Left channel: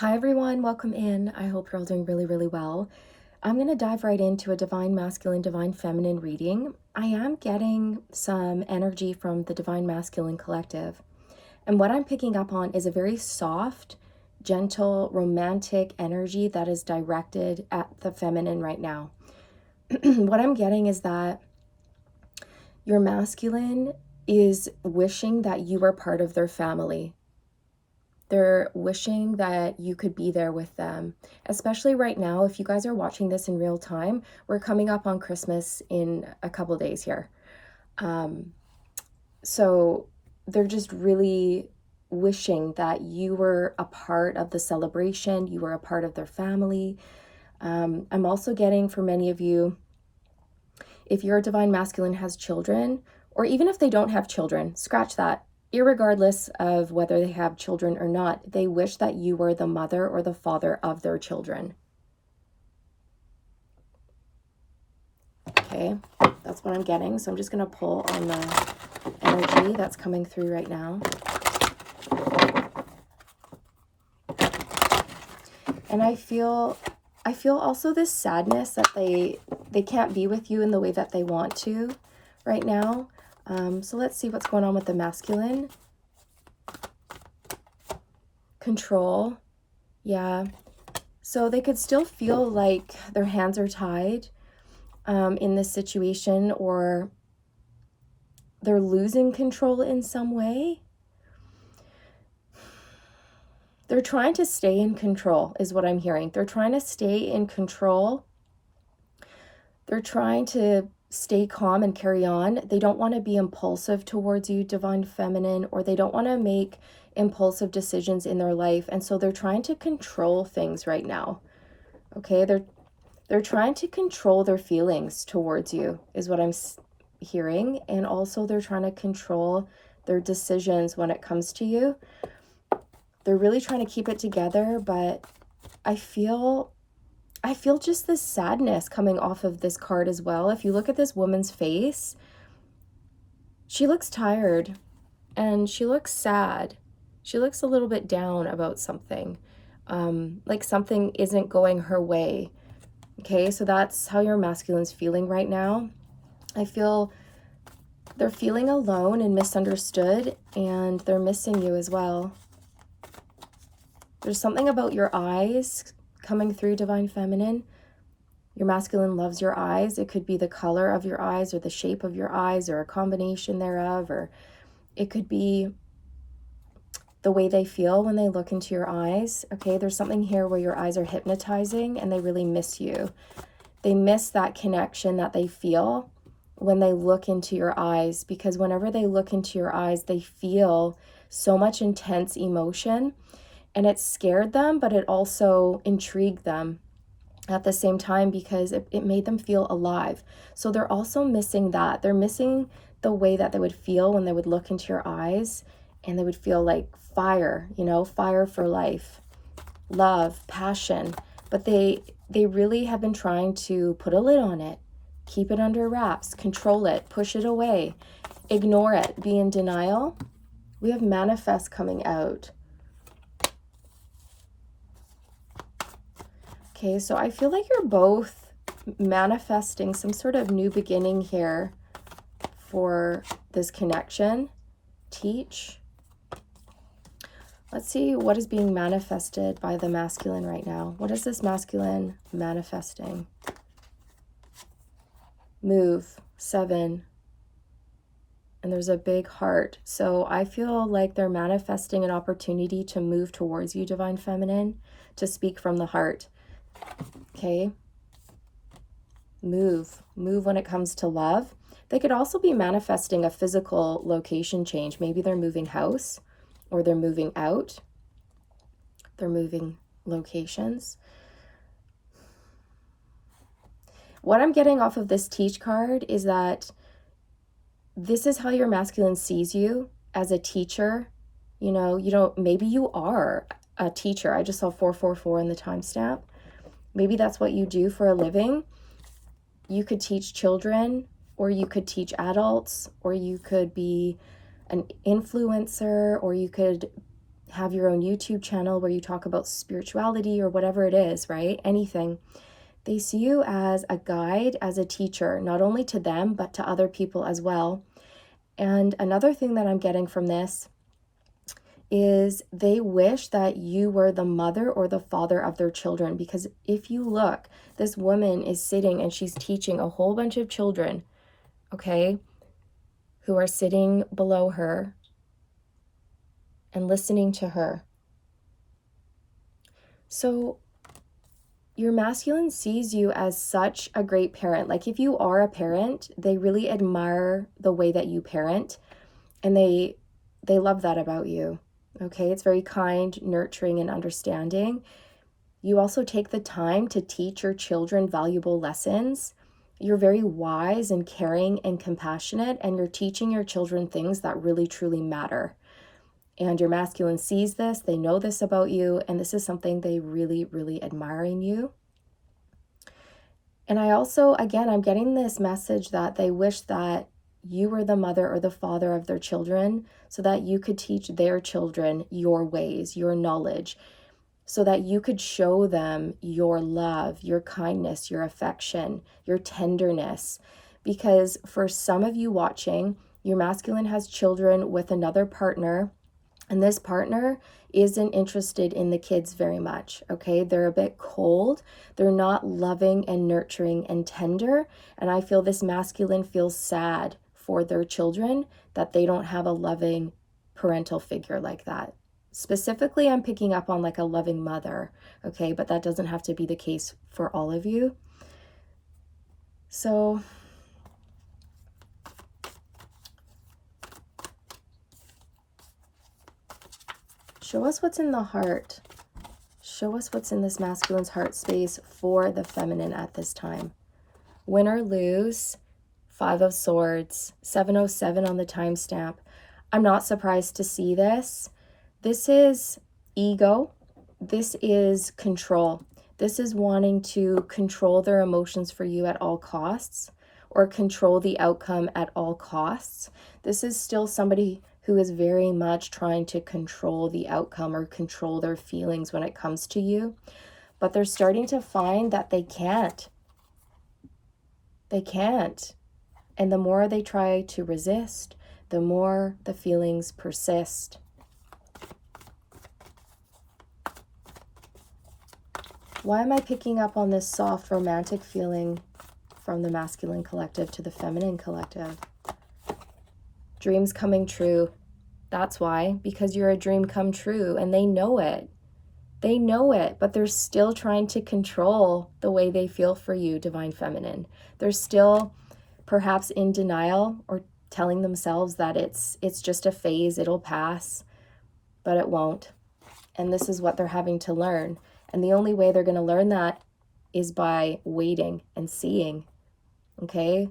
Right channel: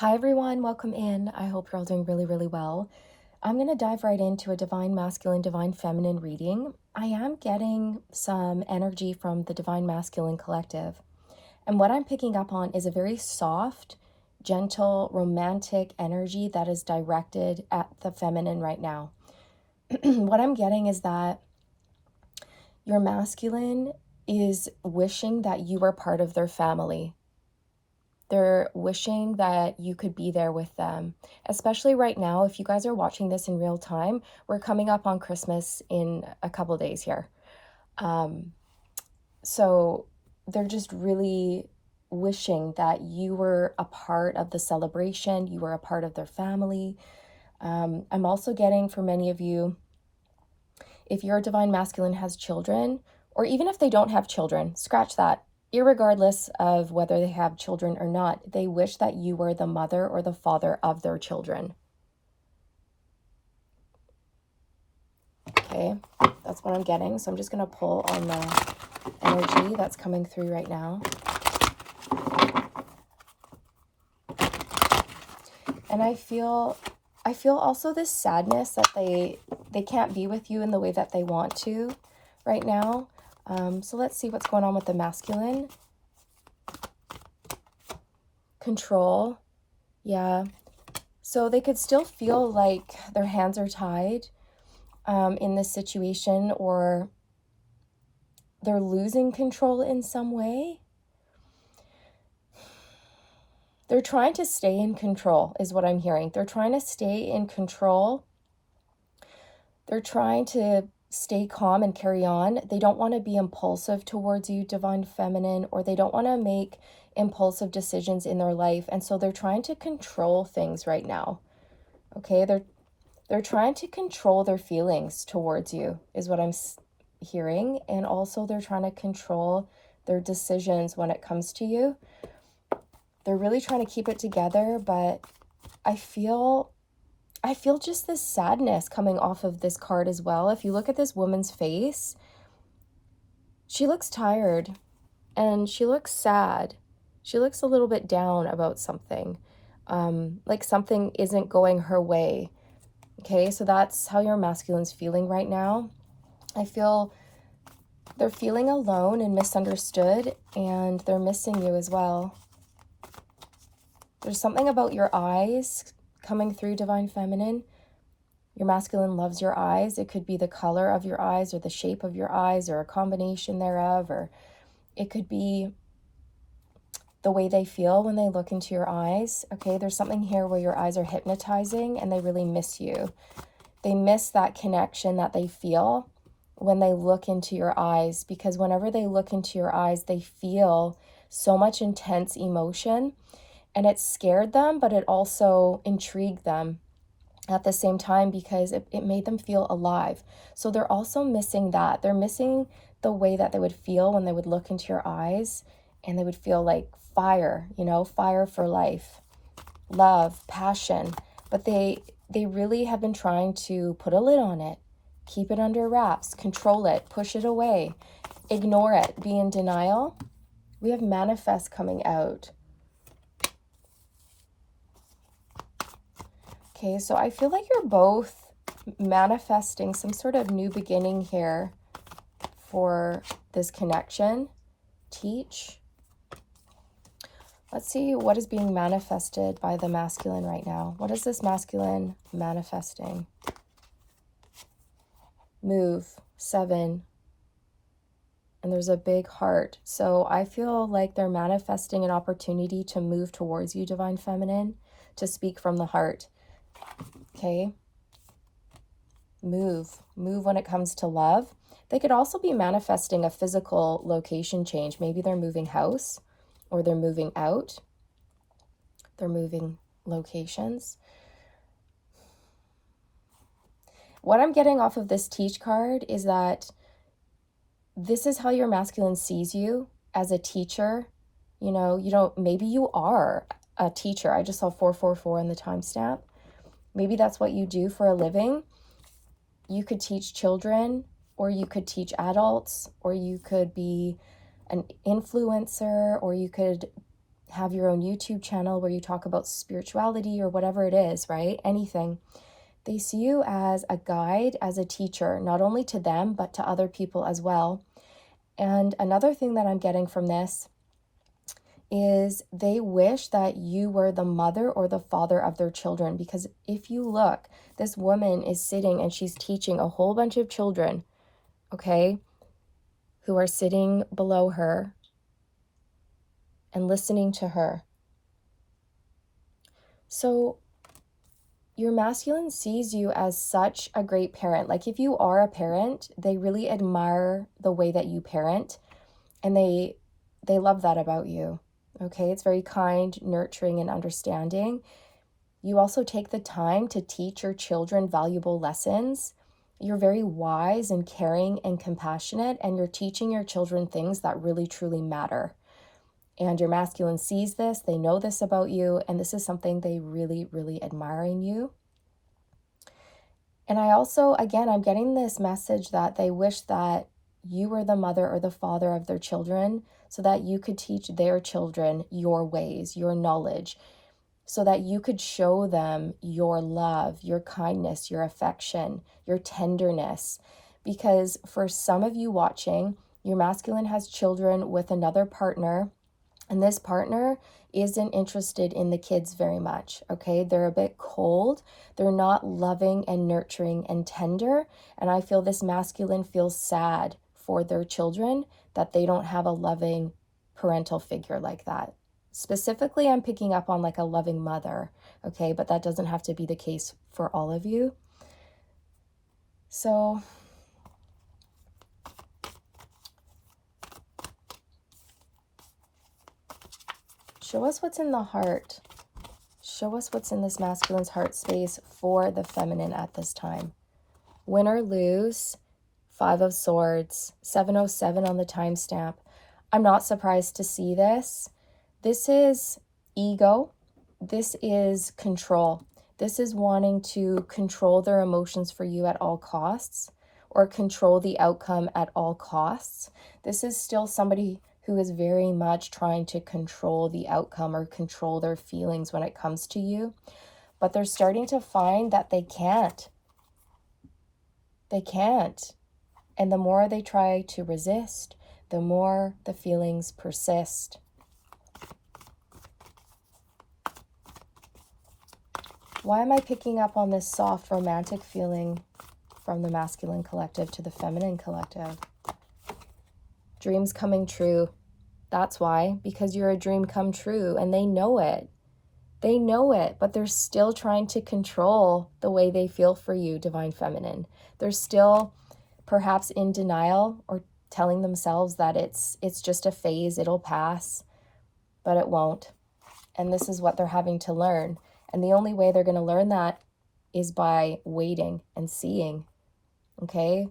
Hi everyone, welcome in. I hope you're all doing really well. I'm going to dive right into a divine masculine, divine feminine reading. I am getting some energy from the divine masculine collective. And what I'm picking up on is a very soft, gentle, romantic energy that is directed at the feminine right now. What I'm getting is that your masculine is wishing that you are part of their family. They're wishing that you could be there with them, especially right now. If you guys are watching this in real time, we're coming up on Christmas in a couple days here. So they're just really wishing that you were a part of the celebration, you were a part of their family. I'm also getting, for many of you, if your divine masculine has children, or even if they don't have children, scratch that. Irregardless of whether they have children or not, they wish that you were the mother or the father of their children. Okay, that's what I'm getting. So I'm just going to pull on the energy that's coming through right now. And I feel also this sadness that they can't be with you in the way that they want to right now. So let's see what's going on with the masculine. Control. Yeah. So they could still feel like their hands are tied in this situation, or they're losing control in some way. They're trying to stay in control is what I'm hearing. They're trying to stay in control. They're trying to stay calm and carry on. They don't want to be impulsive towards you, divine feminine, or they don't want to make impulsive decisions in their life. And so they're trying to control things right now. Okay, they're trying to control their feelings towards you is what I'm hearing. And also they're trying to control their decisions when it comes to you. They're really trying to keep it together, but I feel just this sadness coming off of this card as well. If you look at this woman's face, she looks tired and she looks sad. She looks a little bit down about something, like something isn't going her way. Okay, so that's how your masculine's feeling right now. I feel they're feeling alone and misunderstood, and they're missing you as well. There's something about your eyes coming through, divine feminine. Your masculine loves your eyes. It could be the color of your eyes or the shape of your eyes or a combination thereof, or it could be the way they feel when they look into your eyes. Okay, there's something here where your eyes are hypnotizing and they really miss you. They miss that connection that they feel when they look into your eyes, because whenever they look into your eyes, they feel so much intense emotion, and it scared them, but it also intrigued them at the same time, because it made them feel alive. So they're also missing that. They're missing the way that they would feel when they would look into your eyes and they would feel like fire, fire for life, love, passion. But they really have been trying to put a lid on it, keep it under wraps, control it, push it away, ignore it, be in denial. We have manifest coming out. Okay, so I feel like you're both manifesting some sort of new beginning here for this connection. Teach. Let's see what is being manifested by the masculine right now. What is this masculine manifesting? Move. 7. And there's a big heart. So I feel like they're manifesting an opportunity to move towards you, divine feminine, to speak from the heart. Okay. Move when it comes to love. They could also be manifesting a physical location change. Maybe they're moving house, or they're moving out. They're moving locations. What I'm getting off of this teach card is that this is how your masculine sees you, as a teacher. Maybe you are a teacher. I just saw 444 in the timestamp. Maybe that's what you do for a living. You could teach children, or you could teach adults, or you could be an influencer, or you could have your own YouTube channel where you talk about spirituality or whatever it is, right? Anything. They see you as a guide, as a teacher, not only to them, but to other people as well. And another thing that I'm getting from this is they wish that you were the mother or the father of their children. Because if you look, this woman is sitting and she's teaching a whole bunch of children, okay, who are sitting below her and listening to her. So your masculine sees you as such a great parent. Like if you are a parent, they really admire the way that you parent, and they love that about you. Okay, it's very kind, nurturing, and understanding. You also take the time to teach your children valuable lessons. You're very wise and caring and compassionate, and you're teaching your children things that really truly matter. And your masculine sees this, they know this about you, and this is something they really, really admire in you. And I also, again, I'm getting this message that they wish that you were the mother or the father of their children so that you could teach their children your ways, your knowledge, so that you could show them your love, your kindness, your affection, your tenderness. Because for some of you watching, your masculine has children with another partner, and this partner isn't interested in the kids very much, okay? They're a bit cold. They're not loving and nurturing and tender. And I feel this masculine feels sad for their children that they don't have a loving parental figure like that. Specifically, I'm picking up on like a loving mother, okay? But that doesn't have to be the case for all of you. So show us what's in the heart. Show us what's in this masculine's heart space for the feminine at this time. Win or lose, 5 of Swords, 707 on the timestamp. I'm not surprised to see this. This is ego. This is control. This is wanting to control their emotions for you at all costs, or control the outcome at all costs. This is still somebody who is very much trying to control the outcome or control their feelings when it comes to you. But they're starting to find that they can't. They can't. And the more they try to resist, the more the feelings persist. Why am I picking up on this soft romantic feeling from the masculine collective to the feminine collective? Dreams coming true. That's why, because you're a dream come true, and they know it. They know it, but they're still trying to control the way they feel for you, divine feminine. They're still perhaps in denial or telling themselves that it's just a phase, it'll pass, but it won't. And this is what they're having to learn. And the only way they're going to learn that is by waiting and seeing. Okay?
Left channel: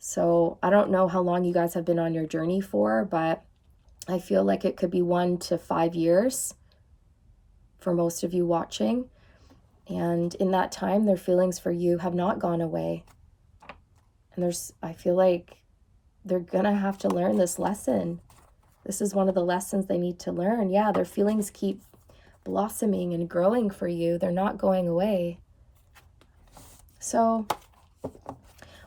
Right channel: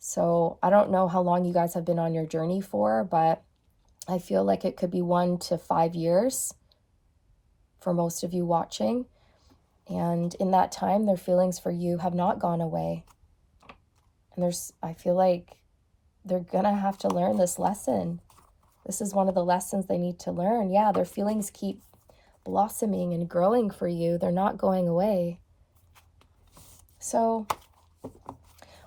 So I don't know how long you guys have been on your journey for, but I feel like it could be 1 to 5 years for most of you watching. And in that time, their feelings for you have not gone away. And I feel like they're going to have to learn this lesson. This is one of the lessons they need to learn. Yeah, their feelings keep blossoming and growing for you. They're not going away. So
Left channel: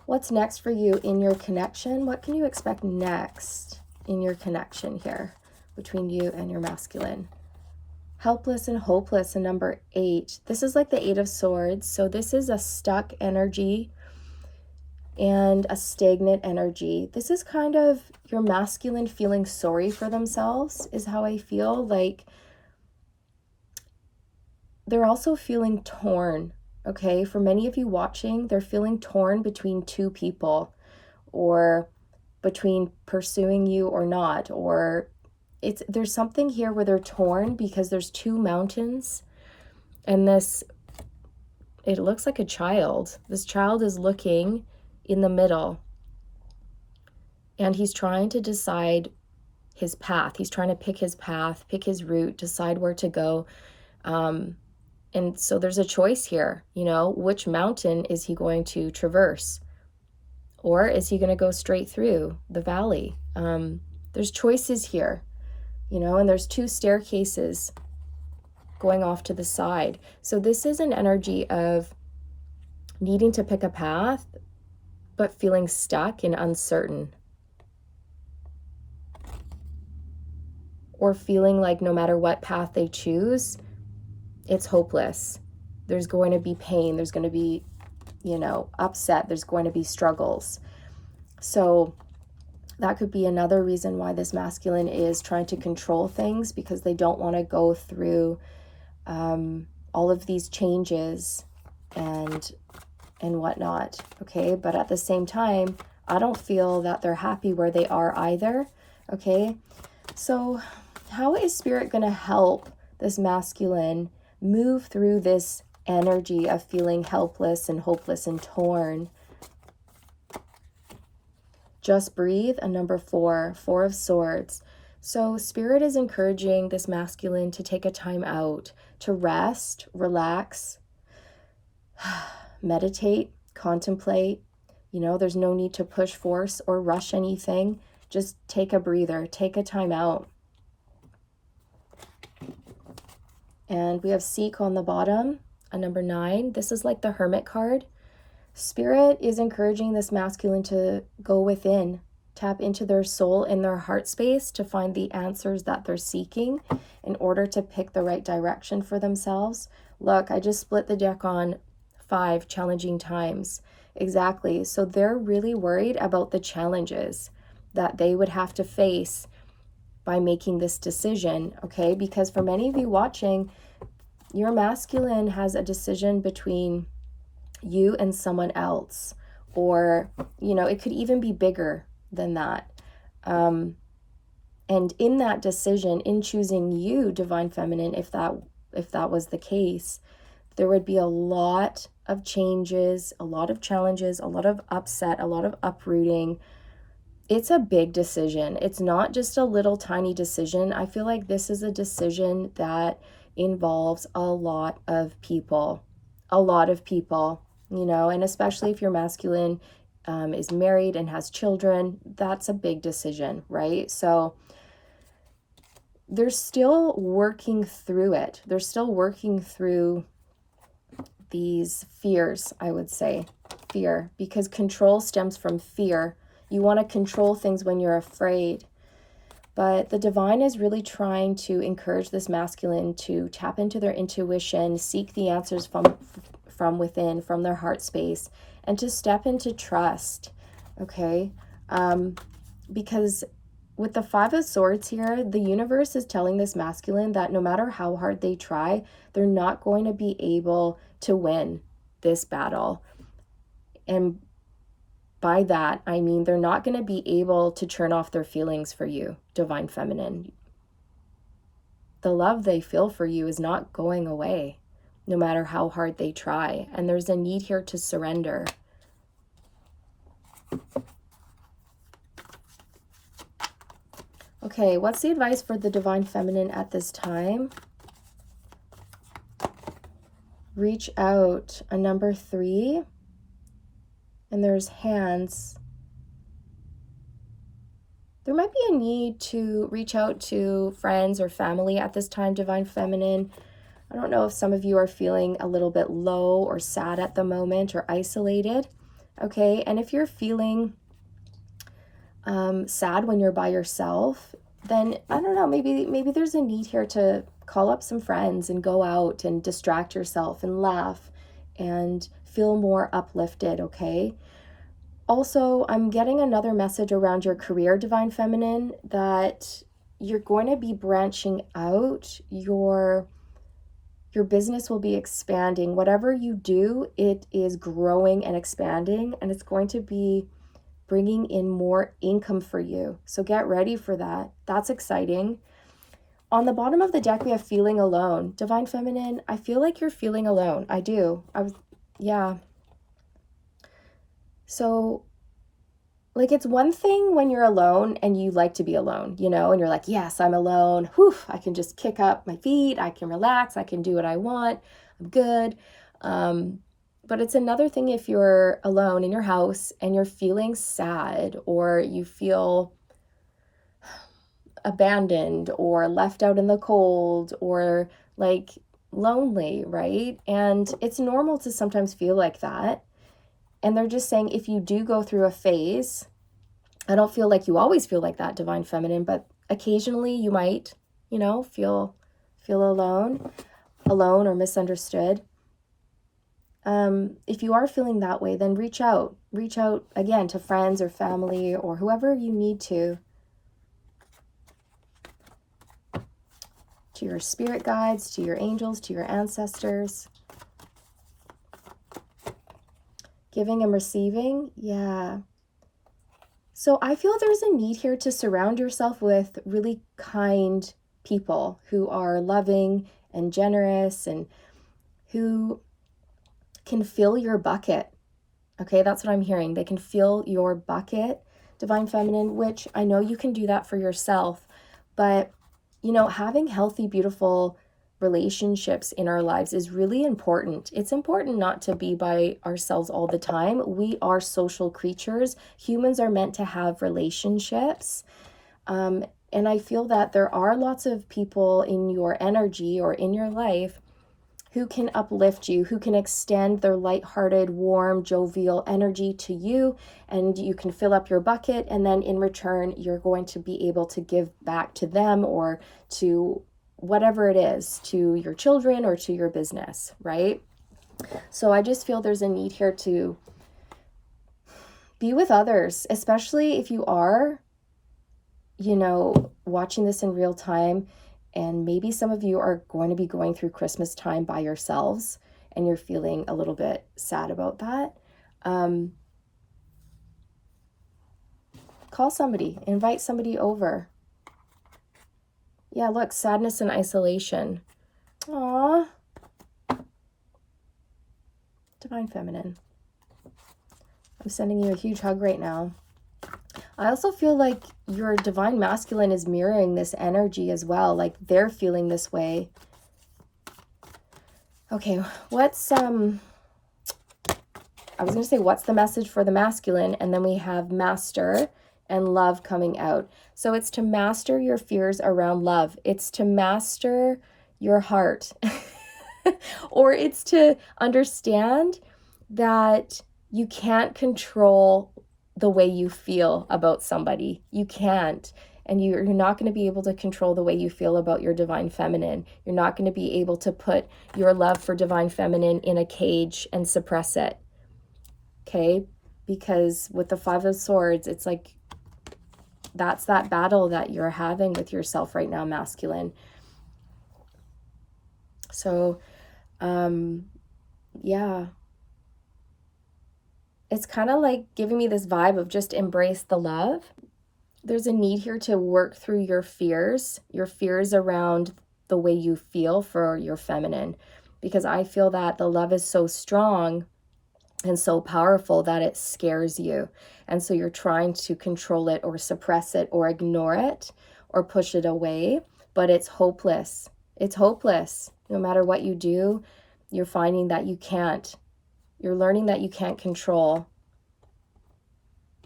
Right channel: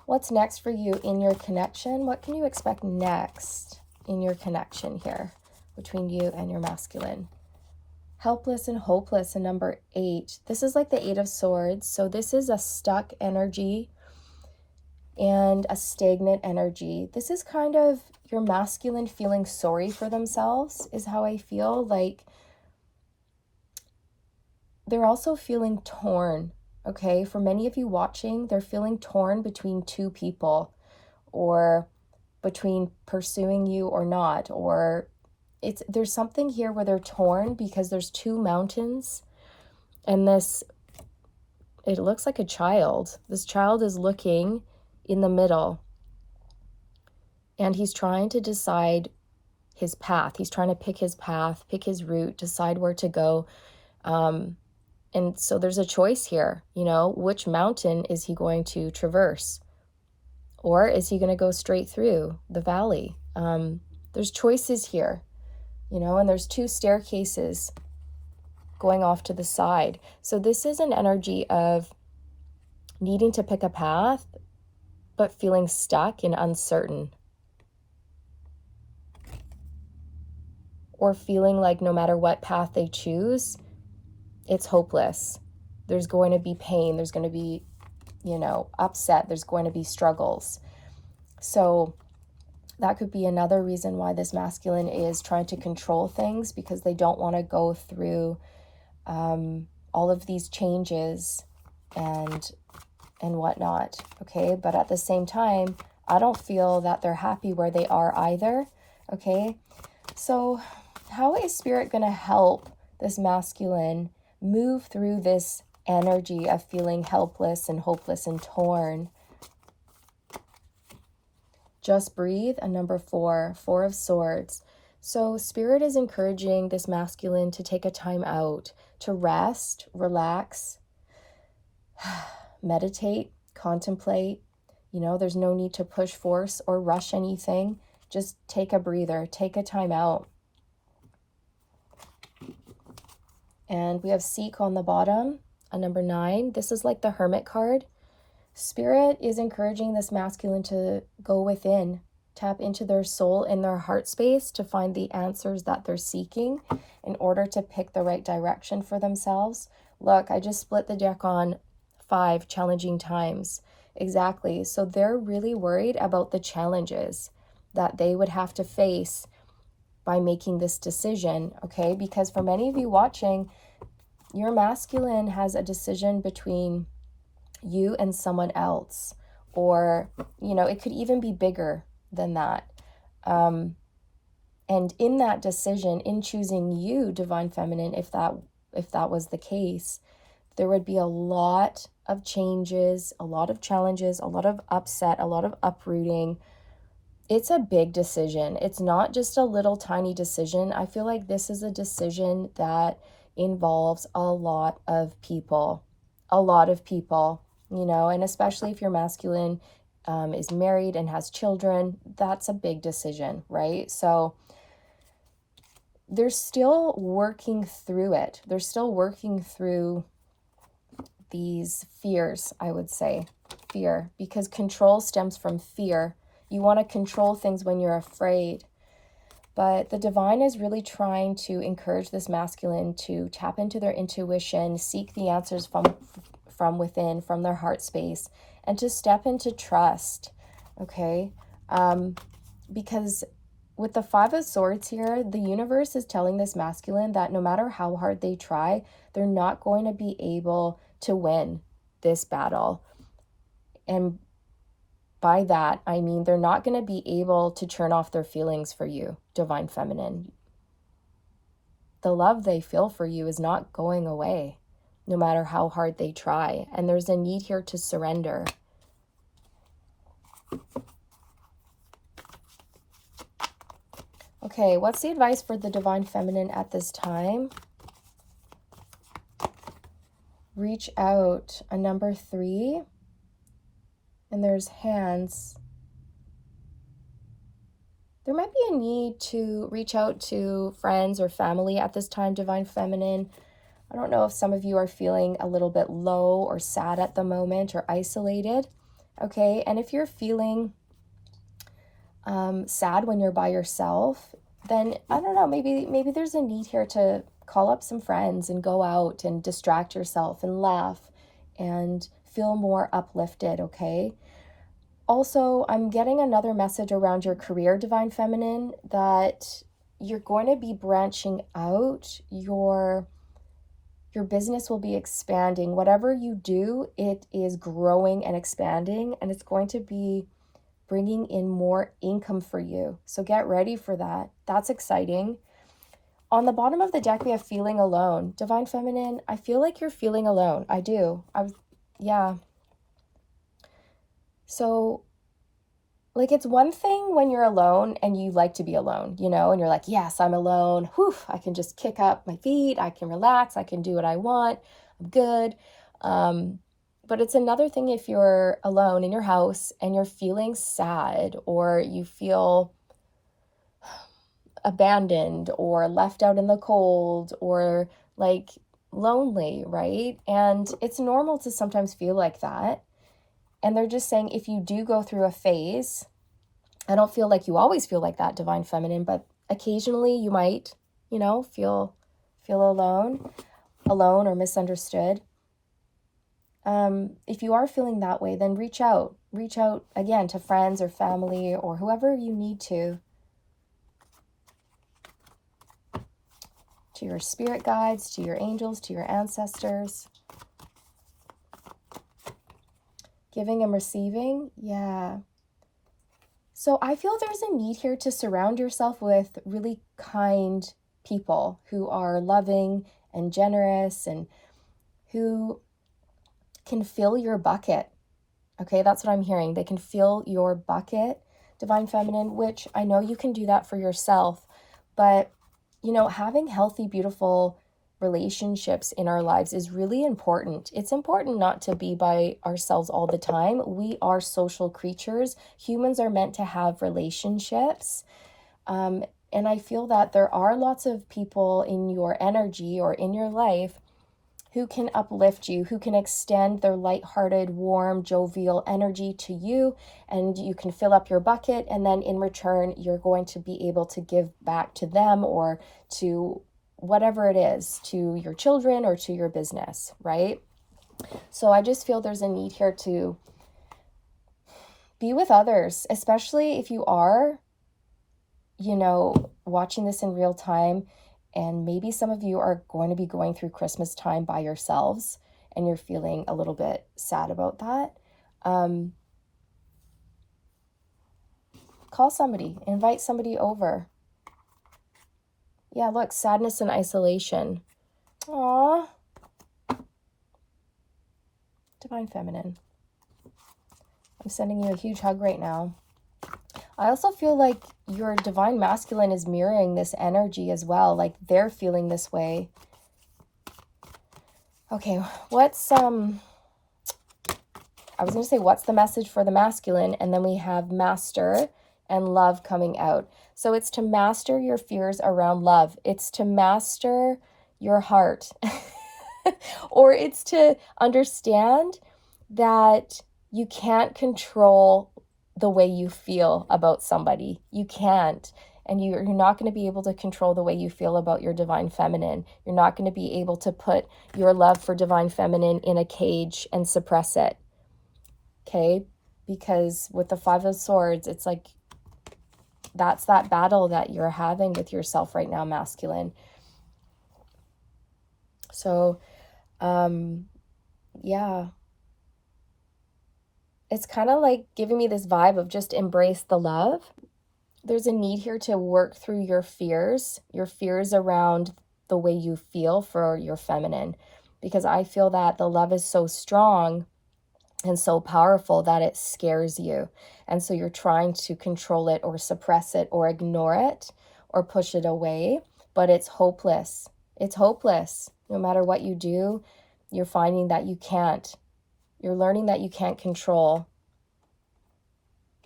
what's next for you in your connection? What can you expect next in your connection here between you and your masculine? Helpless and hopeless in number 8. This is like the 8 of Swords. So this is a stuck energy and a stagnant energy. This is kind of your masculine feeling sorry for themselves, is how I feel. Like they're also feeling torn, okay? For many of you watching, they're feeling torn between 2 people, or between pursuing you or not, or there's something here where they're torn because there's 2 mountains, and it looks like a child. This child is looking in the middle, and he's trying to decide his path. He's trying to pick his path, pick his route, decide where to go. And so there's a choice here, which mountain is he going to traverse? Or is he going to go straight through the valley? There's choices here. you know, and there's two staircases going off to the side. So this is an energy of needing to pick a path, but feeling stuck and uncertain, or feeling like no matter what path they choose, it's hopeless. There's going to be pain. There's going to be, you know, upset. There's going to be struggles. So that could be another reason why this masculine is trying to control things, because they don't want to go through all of these changes and whatnot. Okay, but at the same time, I don't feel that they're happy where they are either. Okay, so how is spirit going to help this masculine move through this energy of feeling helpless and hopeless and torn? Just breathe. And number 4, 4 of Swords. So spirit is encouraging this masculine to take a time out, to rest, relax, meditate, contemplate. You know, there's no need to push, force, or rush anything. Just take a breather, take a time out. And we have Seek on the bottom, a number 9. This is like the Hermit card. Spirit is encouraging this masculine to go within, tap into their soul and their heart space to find the answers that they're seeking in order to pick the right direction for themselves. Look, I just split the deck on 5 challenging times. Exactly. So they're really worried about the challenges that they would have to face by making this decision, okay? Because for many of you watching, your masculine has a decision between you and someone else, or, you know, it could even be bigger than that. And in that decision, in choosing you, Divine Feminine, if that was the case, there would be a lot of changes, a lot of challenges, a lot of upset, a lot of uprooting. It's a big decision. It's not just a little tiny decision. I feel like this is a decision that involves a lot of people, you know, and especially if you're masculine, is married and has children, that's a big decision, right? So they're still working through it. They're still working through these fears, I would say. Fear, because control stems from fear. You want to control things when you're afraid. But the divine is really trying to encourage this masculine to tap into their intuition, seek the answers from within, from their heart space, and to step into trust, okay? Because with the 5 of Swords here, the universe is telling this masculine that no matter how hard they try, they're not going to be able to win this battle. And by that, I mean they're not going to be able to turn off their feelings for you, Divine Feminine. The love they feel for you is not going away, no matter how hard they try. And there's a need here to surrender. Okay, what's the advice for the Divine Feminine at this time? Reach out, a number 3. And there's hands. There might be a need to reach out to friends or family at this time, Divine Feminine. I don't know if some of you are feeling a little bit low or sad at the moment or isolated, okay? And if you're feeling sad when you're by yourself, then I don't know, maybe there's a need here to call up some friends and go out and distract yourself and laugh and feel more uplifted, okay? Also, I'm getting another message around your career, Divine Feminine, that you're going to be branching out. Your business will be expanding. Whatever you do, it is growing and expanding, and it's going to be bringing in more income for you. So get ready for that. That's exciting. On the bottom of the deck, we have feeling alone. Divine Feminine, I feel like you're feeling alone. I do. Yeah. So, like, it's one thing when you're alone and you like to be alone, you know, and you're like, yes, I'm alone. Whew, I can just kick up my feet. I can relax. I can do what I want. I'm good. But it's another thing if you're alone in your house and you're feeling sad, or you feel abandoned or left out in the cold or like lonely, right? And it's normal to sometimes feel like that. And they're just saying if you do go through a phase, I don't feel like you always feel like that, Divine Feminine, but occasionally you might, feel alone or misunderstood. If you are feeling that way, then reach out again to friends or family or whoever you need to your spirit guides, to your angels, to your ancestors. Giving and receiving, yeah. So I feel there's a need here to surround yourself with really kind people who are loving and generous and who can fill your bucket. Okay, that's what I'm hearing. They can fill your bucket, Divine Feminine, which I know you can do that for yourself. But, having healthy, beautiful relationships in our lives is really important. It's important not to be by ourselves all the time. We are social creatures. Humans are meant to have relationships. And I feel that there are lots of people in your energy or in your life who can uplift you, who can extend their lighthearted, warm, jovial energy to you, and you can fill up your bucket, and then in return, you're going to be able to give back to them or to whatever it is, to your children or to your business, right? So I just feel there's a need here to be with others, especially if you are, watching this in real time. And maybe some of you are going to be going through Christmas time by yourselves and you're feeling a little bit sad about that. Call somebody, invite somebody over. Yeah, look, sadness and isolation. Aww. Divine Feminine. I'm sending you a huge hug right now. I also feel like your Divine Masculine is mirroring this energy as well. Like they're feeling this way. Okay, what's I was going to say, what's the message for the masculine? And then we have master and love coming out. So it's to master your fears around love. It's to master your heart. Or it's to understand that you can't control the way you feel about somebody. You can't. And you're not going to be able to control the way you feel about your Divine Feminine. You're not going to be able to put your love for Divine Feminine in a cage and suppress it. Okay? Because with the Five of Swords, it's like that's that battle that you're having with yourself right now, masculine. So, yeah. It's kind of like giving me this vibe of just embrace the love. There's a need here to work through your fears around the way you feel for your feminine, because I feel that the love is so strong and so powerful that it scares you. And so you're trying to control it or suppress it or ignore it or push it away, but it's hopeless. It's hopeless. No matter what you do, you're finding that you can't. You're learning that you can't control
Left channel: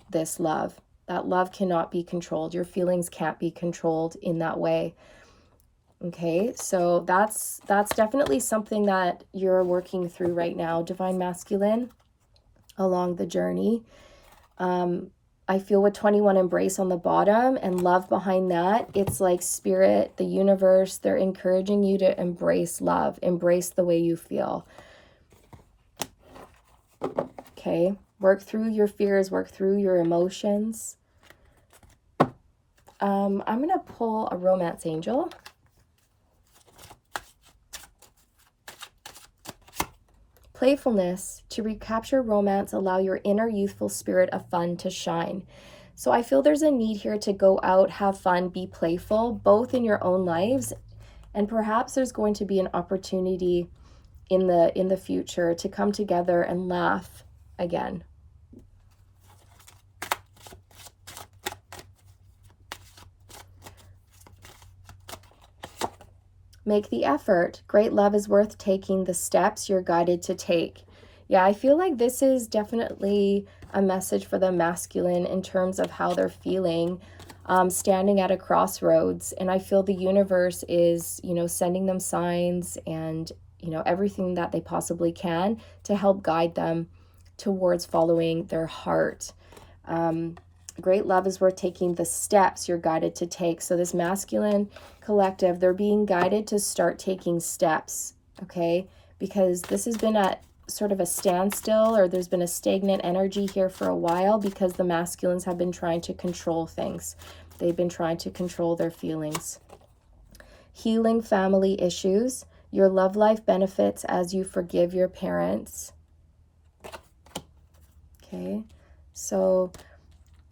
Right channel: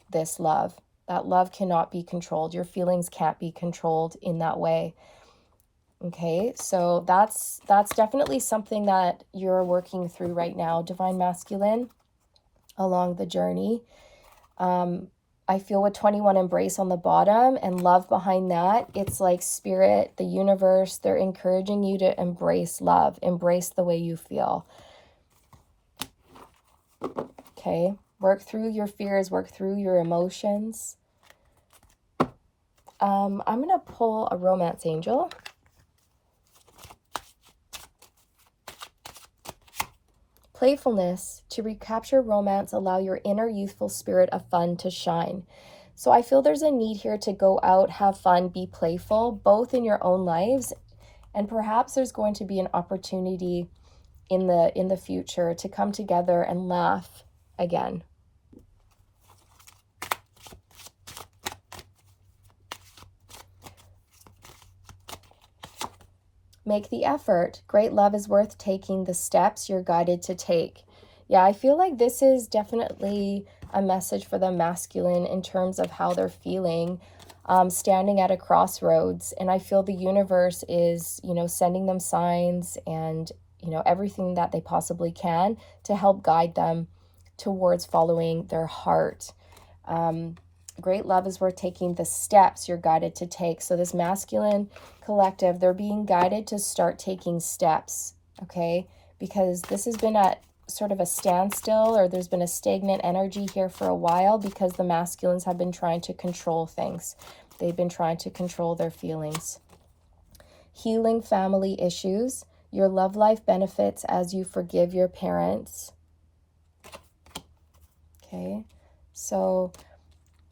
this love. That love cannot be controlled. Your feelings can't be controlled in that way. Okay, so that's definitely something that you're working through right now, Divine Masculine, along the journey. I feel with 21 embrace on the bottom and love behind that. It's like spirit, the universe, they're encouraging you to embrace love, embrace the way you feel. Okay, work through your fears, work through your emotions. I'm going to pull a romance angel. Playfulness, to recapture romance, allow your inner youthful spirit of fun to shine. So I feel there's a need here to go out, have fun, be playful, both in your own lives, and perhaps there's going to be an opportunity in the future to come together and laugh again. Make the effort. Great love is worth taking the steps you're guided to take. Yeah, I feel like this is definitely a message for the masculine in terms of how they're feeling. standing at a crossroads. And I feel the universe is, sending them signs and, everything that they possibly can to help guide them towards following their heart. Great love is worth taking the steps you're guided to take. So this masculine collective, they're being guided to start taking steps, okay? Because this has been at sort of a standstill, or there's been a stagnant energy here for a while because the masculines have been trying to control things. They've been trying to control their feelings. Healing family issues. Your love life benefits as you forgive your parents. Okay, so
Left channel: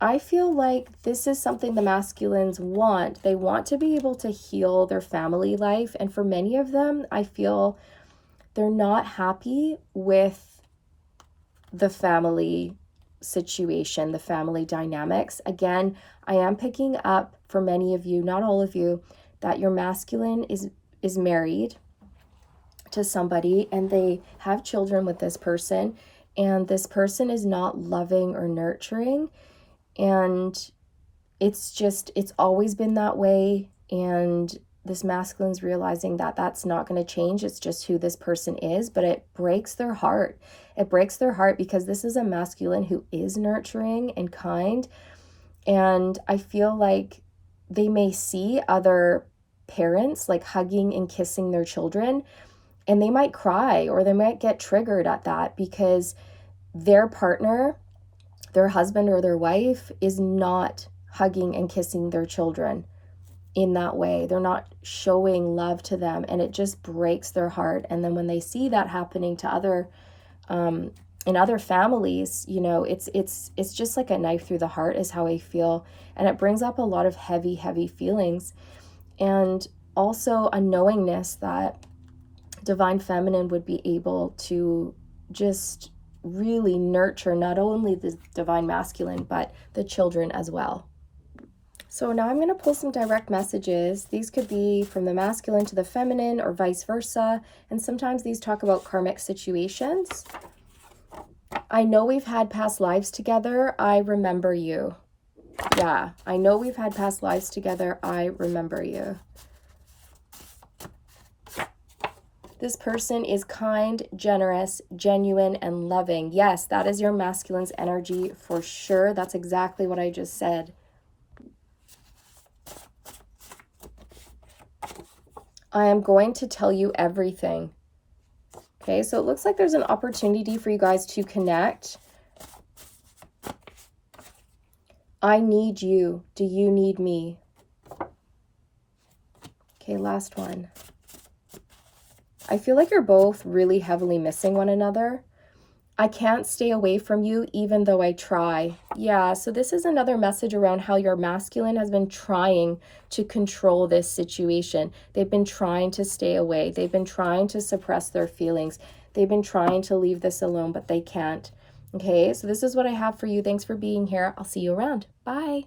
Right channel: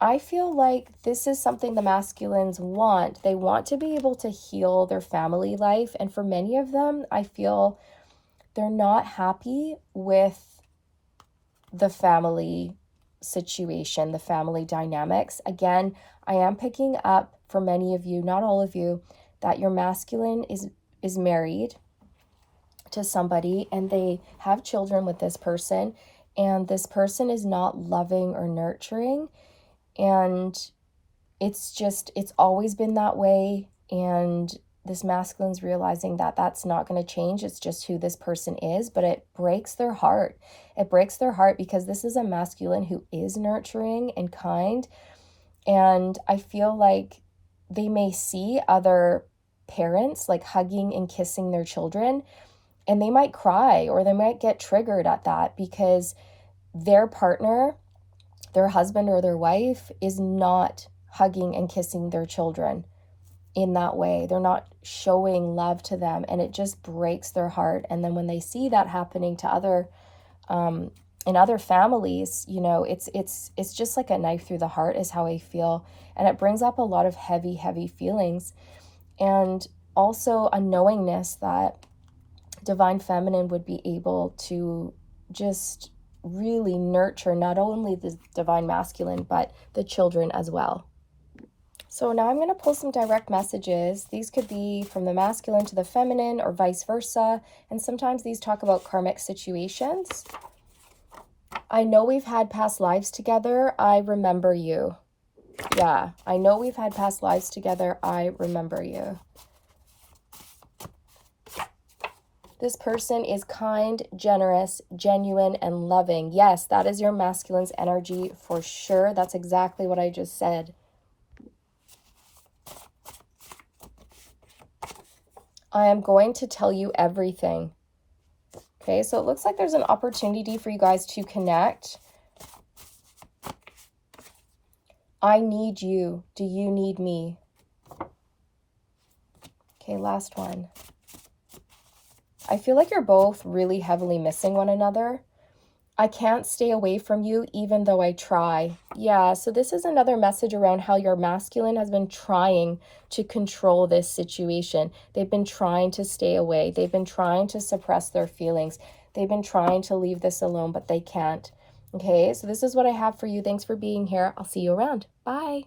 I feel like this is something the masculines want. They want to be able to heal their family life. And for many of them, I feel they're not happy with the family situation, the family dynamics. Again, I am picking up for many of you, not all of you, that your masculine is married to somebody and they have children with this person, and this person is not loving or nurturing, and it's always been that way. And this masculine's realizing that that's not going to change. It's just who this person is, but it breaks their heart. It breaks their heart because this is a masculine who is nurturing and kind. And I feel like they may see other parents like hugging and kissing their children, and they might cry or they might get triggered at that because their partner, their husband or their wife, is not hugging and kissing their children in that way. They're not showing love to them, and it just breaks their heart. And then when they see that happening to other in other families, it's just like a knife through the heart is how I feel. And it brings up a lot of heavy feelings, and also a knowingness that divine feminine would be able to just really nurture not only the divine masculine, but the children as well. So now I'm going to pull some direct messages. These could be from the masculine to the feminine or vice versa. And sometimes these talk about karmic situations. I know we've had past lives together. I remember you. Yeah, I know we've had past lives together. I remember you. This person is kind, generous, genuine, and loving. Yes, that is your masculine's energy for sure. That's exactly what I just said. I am going to tell you everything. Okay, so it looks like there's an opportunity for you guys to connect. I need you. Do you need me? Okay, last one. I feel like you're both really heavily missing one another. I can't stay away from you even though I try. Yeah, so this is another message around how your masculine has been trying to control this situation. They've been trying to stay away. They've been trying to suppress their feelings. They've been trying to leave this alone, but they can't. Okay, so this is what I have for you. Thanks for being here. I'll see you around. Bye.